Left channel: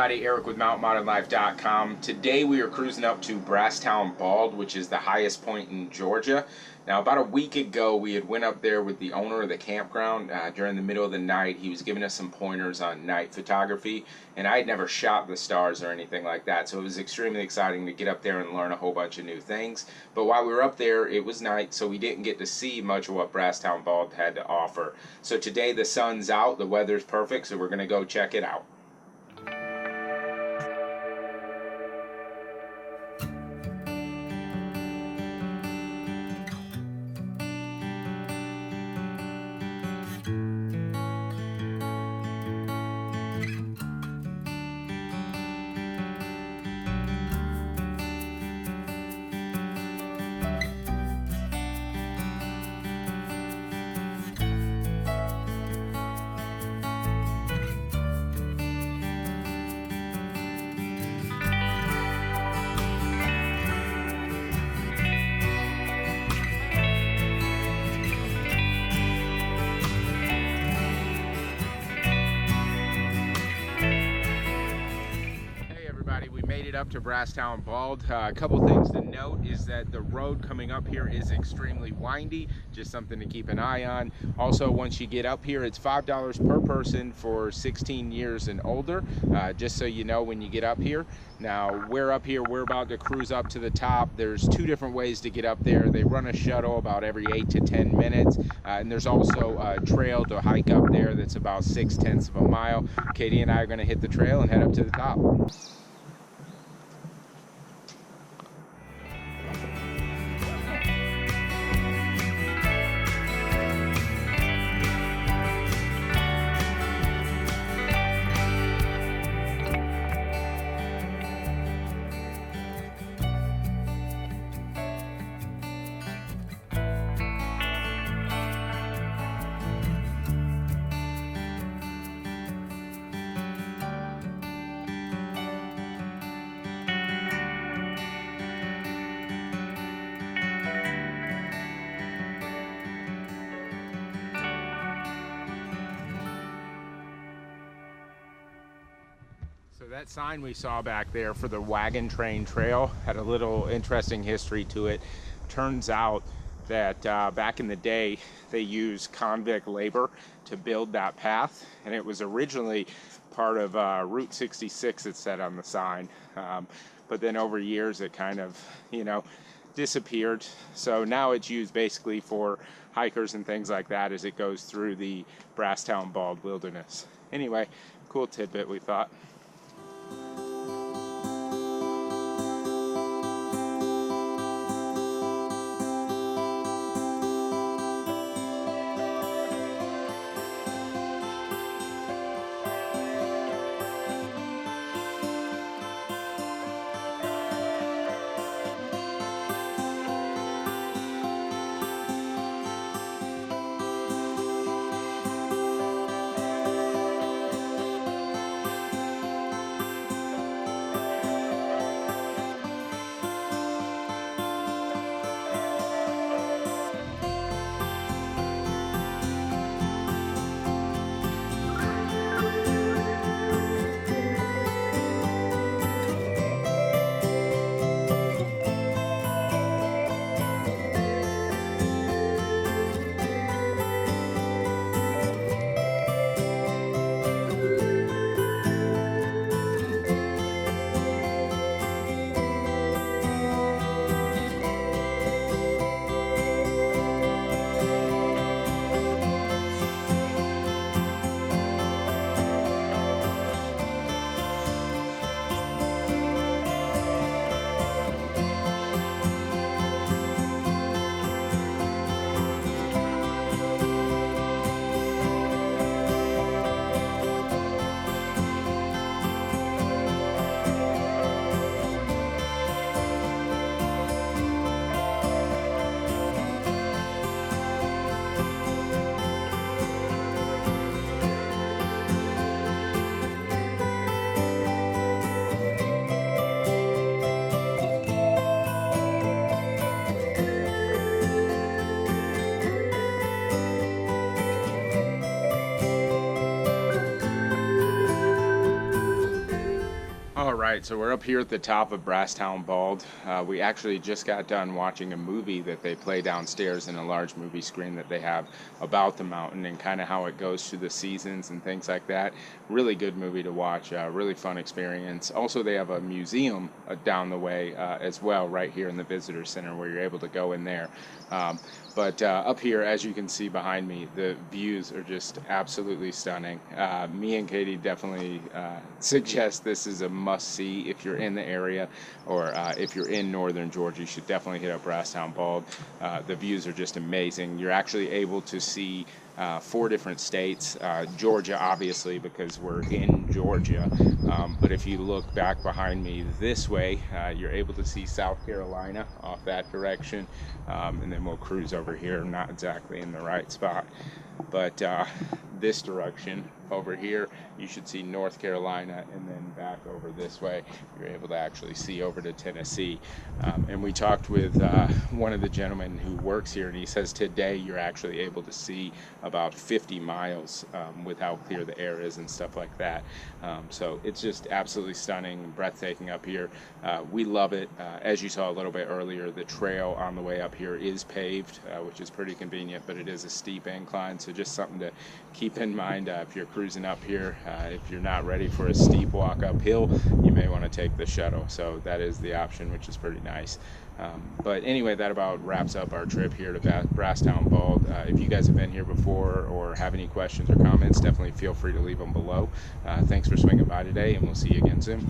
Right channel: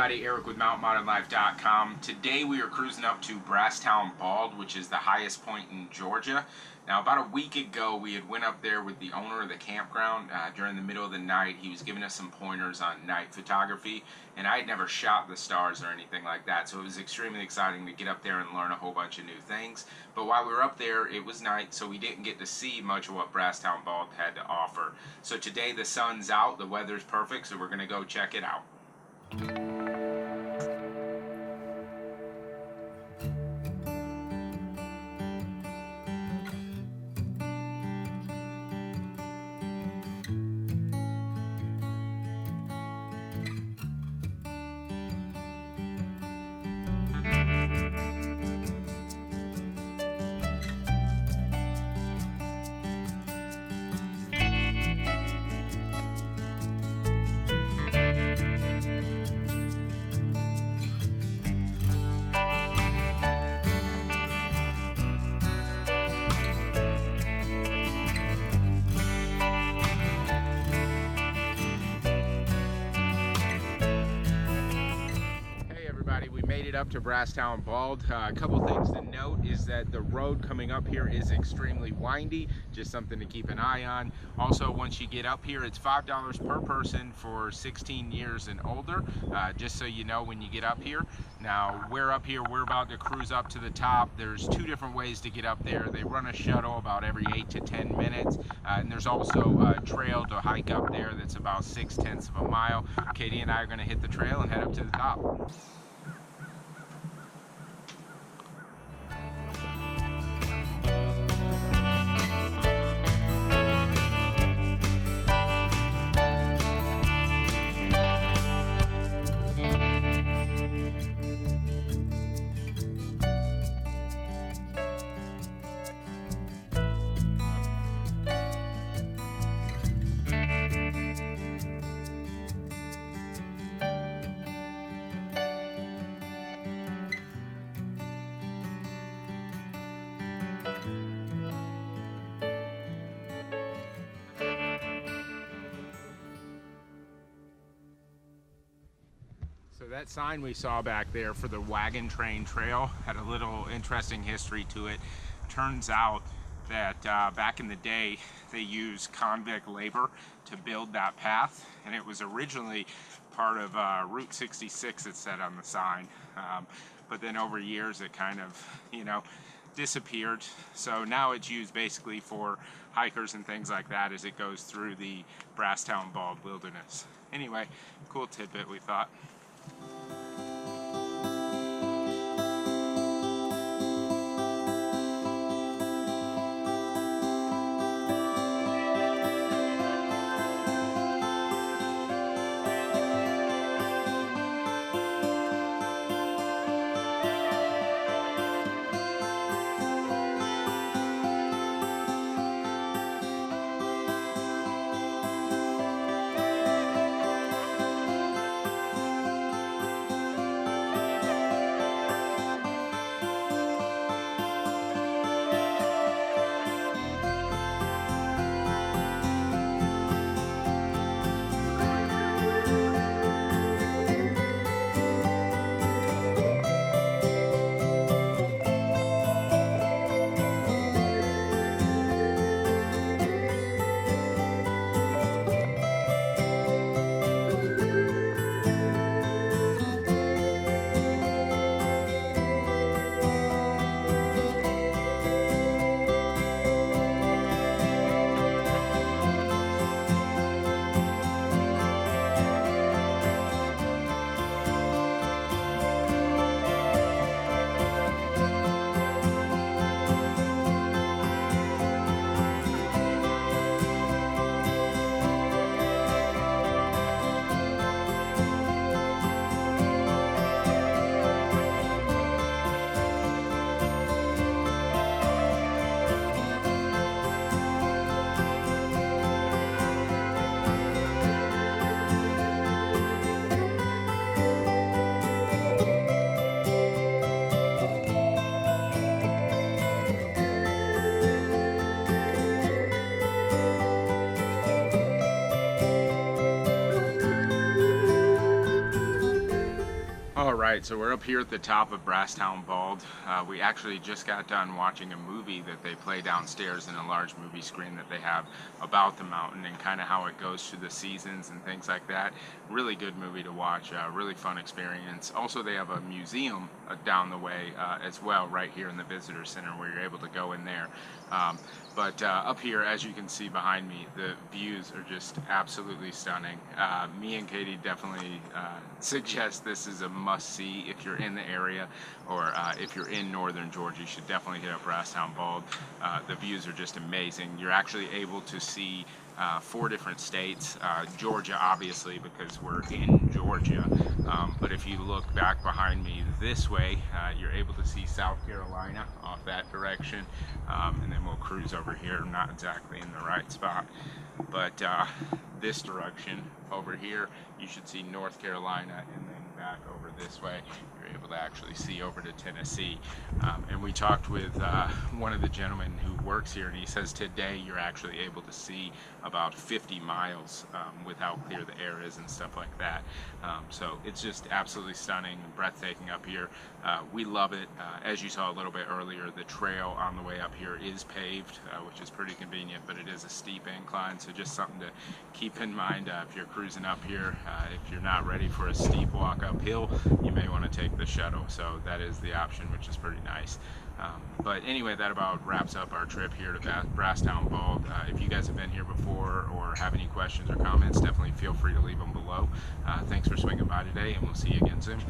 everybody, Eric with MountainModernLife.com. Today we are cruising up to Brasstown Bald, which is the highest point in Georgia. Now, about a week ago, we had went up there with the owner of the campground during the middle of the night. He was giving us some pointers on night photography, and I had never shot the stars or anything like that, so it was extremely exciting to get up there and learn a whole bunch of new things. But while we were up there, it was night, so we didn't get to see much of what Brasstown Bald had to offer. So today the sun's out, the weather's perfect, so we're going to go check it out. We made it up to Brasstown Bald. A couple things to note is that the road coming up here is extremely windy, just something to keep an eye on. Also, once you get up here, it's $5 per person for 16 years and older, just so you know when you get up here. Now, we're up here, we're about to cruise up to the top. There's two different ways to get up there. They run a shuttle about every 8 to 10 minutes, and there's also a trail to hike up there that's about 6/10 of a mile. Katie and I are going to hit the trail and head up to the top. So that sign we saw back there for the wagon train trail had a little interesting history to it. Turns out that back in the day they used convict labor to build that path, and it was originally part of Route 66, it said on the sign, but then over years it kind of, disappeared. So now it's used basically for hikers and things like that as it goes through the Brasstown Bald wilderness. Anyway, cool tidbit we thought. right, so we're up here at the top of Brasstown Bald. We actually just got done watching a movie that they play downstairs in a large movie screen that they have about the mountain and kind of how it goes through the seasons and things like that. Really good movie to watch, really fun experience. Also, they have a museum down the way as well, right here in the visitor center where you're able to go in there. But up here, as you can see behind me, the views are just absolutely stunning. Me and Katie definitely suggest this is a must-see if you're in the area, or if you're in northern Georgia. You should definitely hit up Brasstown Bald. The views are just amazing. You're actually able to see 4 different states, Georgia obviously because we're in Georgia, but if you look back behind me this way, you're able to see South Carolina off that direction, and then we'll cruise over here, not exactly in the right spot, but this direction over here you should see North Carolina, and then back over this way you're able to actually see over to Tennessee. And we talked with one of the gentlemen who works here, and he says today you're actually able to see about 50 miles with how clear the air is and stuff like that. So it's just absolutely stunning, breathtaking up here. We love it. As you saw a little bit earlier, the trail on the way up here is paved, which is pretty convenient, but it is a steep incline, so just something to keep in mind if you're cruising up here. If you're not ready for a steep walk uphill, you may want to take the shuttle, so that is the option, which is pretty nice. But anyway, that about wraps up our trip here to Brasstown Bald. If you guys have been here before or have any questions or comments, definitely feel free to leave them below. Thanks for swinging by today, and we'll see you again soon.